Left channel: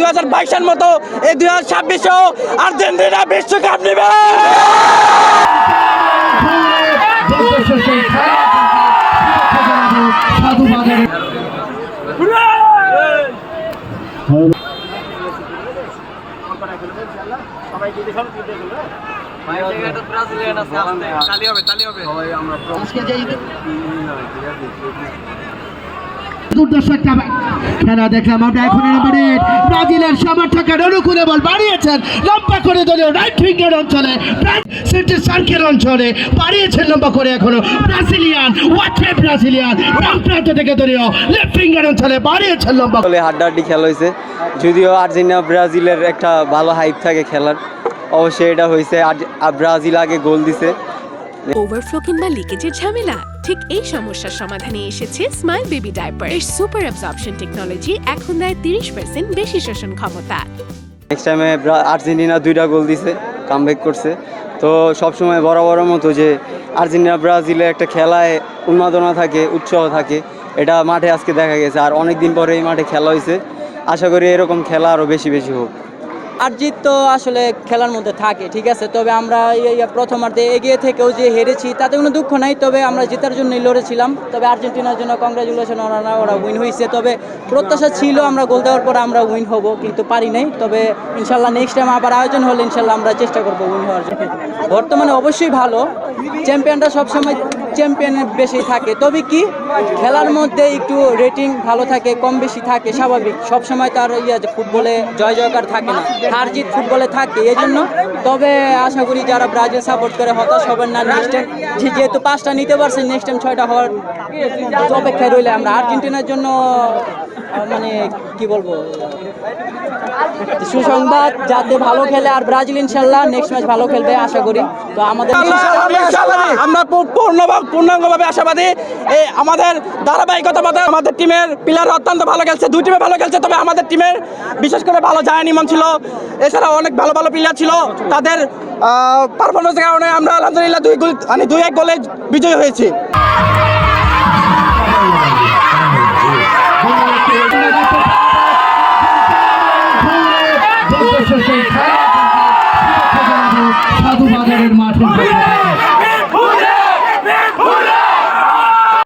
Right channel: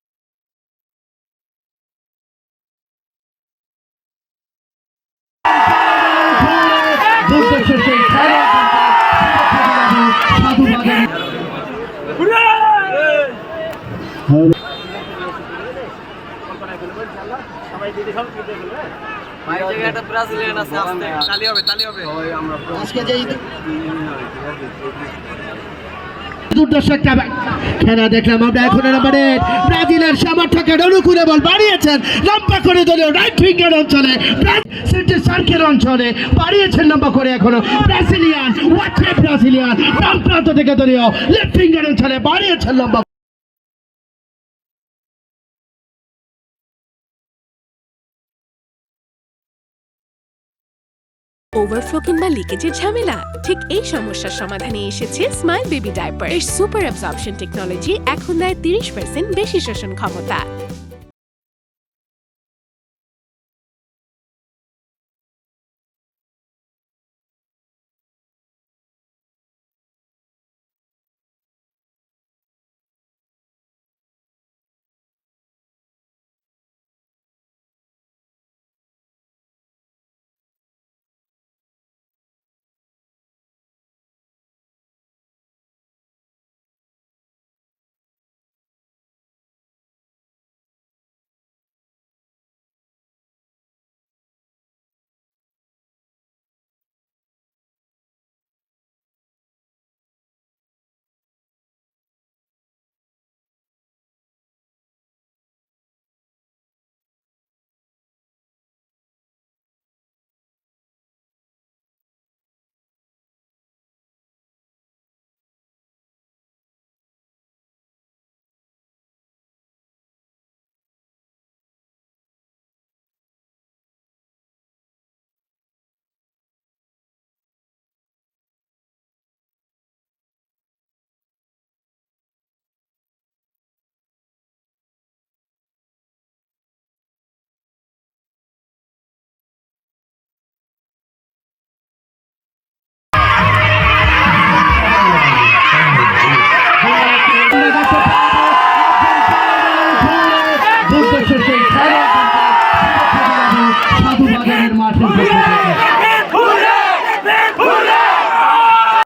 2022-এর মতো এই 2026-এও আর্জেন্টিনা বিশ্বকাপ নেবে। দুর্দর্শ একটা খেলা দেখলাম আমরা। এখন নাম্বারে ব্রাজিলের সমর্থকের অনুকূলে বল বাড়িয়েছেন লম্বা করে দলীয় রাইট উইঙ্গের অঞ্চলে, সেন্টার সার্কেল অঞ্চলে বাড়িয়েছেন লম্বা করে। এখনো ব্রাজিলিয়ান বাম প্রান্ত থেকে দলীয় লেফট উইঙ্গের অঞ্চলে বাড়িয়েছেন লম্বা। হাড্ডাহাড্ডি খেলা হয়েছে, যদিও আর্জেন্টিনা ব্রাজিলের একটা ভালো হাইপ থাকে খেলার, অবশ্যই এটা হয়েছে। ব্রাজিল আগে গোল দিছে। ওভারফ্লো কিংবা লিকেজের ঝামেলা? ঠিক এই সমস্যার সমাধানে এসেছে স্মাইল বেবি ডাইপার। এর সুপার অ্যাবজর্পশন টেকনোলজি এখন দেয় 30% বেশি শোষণ ক্ষমতা। নেক্সট টাইমে আর্জেন্টিনা 2টা গোল দিছে, কামব্যাক করছে। তো সবসময় বড় মতো যে আর্জেন্টিনা ব্রাজিলের একটা খেলায় উন্মাদনা থাকে, উৎসাহ থাকে, এটা মাঠে আজকে দেখা গেছে। আর অনেক দিন পরে এই মাঠে খেলা হয়েছে, আশা করি এরকম খেলা আরও বেশি হোক। আর জিত তো আসলে খেলার মধ্যে থাকে, ঠিক আছে। তবে আমরা প্রথমার্ধে এগিয়ে থেকেও যে হেরেছি তাতে কোনো দুঃখ নাই। তবে আমরা জেতার জন্যই লড়েছিলাম। তবে আর্জেন্টিনার জন্য কংগ্রাচুলেশন, ওরা উইন হয়েছে। তবে প্রত্যাশা ছিল আমরা গোল দেওয়ার পর আমরা উইন হব, কিন্তু পারি নাই। তবে ইনশাল্লাহ নেক্সট টাইম আবার আয়োজন হলে ইনশাল্লাহ আমরা চেষ্টা করবো উইন হওয়ার জন্য। বর্তমানে অবশ্যই ভালো, চ্যাম্পিয়নরা সবসময় চ্যাম্পিয়নের বেশি থাকে। তবে কি খেলার মধ্যে একটু রেটিং ভালো থাকে, কম বেশি থাকে, স্বাভাবিক। সবসময় তার ফুটবলে জয়কার থাকে না, হার জিত ফুটবলে থাকে, এই জন্য। তবে আশা করি যারা ব্রাজিল সাপোর্ট করে হতাশ হবেন না। নেক্সট টাইম যেহেতু 5টা নিতে পারছে, নেক্সট টাইম 6টা হওয়ার অপেক্ষায় রইলে আমরা। আর্জেন্টিনার জন্য মানে কি বলবো, সুসংবাদ, যাতে ভালো খেলে। আর ব্রাজিল ইনশাল্লাহ নেক্সট ম্যাচ ভালো খেলবে আশা করি। তো আমাদের আমরা পূর্ণাঙ্গভাবে আশাবাদী। আমাদের ধারাবাহিকতা মতো আমাদের টিমের প্লেয়ার অত্যন্ত ভালো খেলছে, দুই টিমে ভালো খেলছে। তবে আমাদের টিমের বিশেষ করে ভালো জায়ান ইমাম ছিল, এছাড়া অনেক ভালো প্লেয়ার ছিল। তাদের পারফরমেন্সের কারণে আমরা আলহামদুলিল্লাহ 2-1 গোলে বিজয়ী হয়েছি।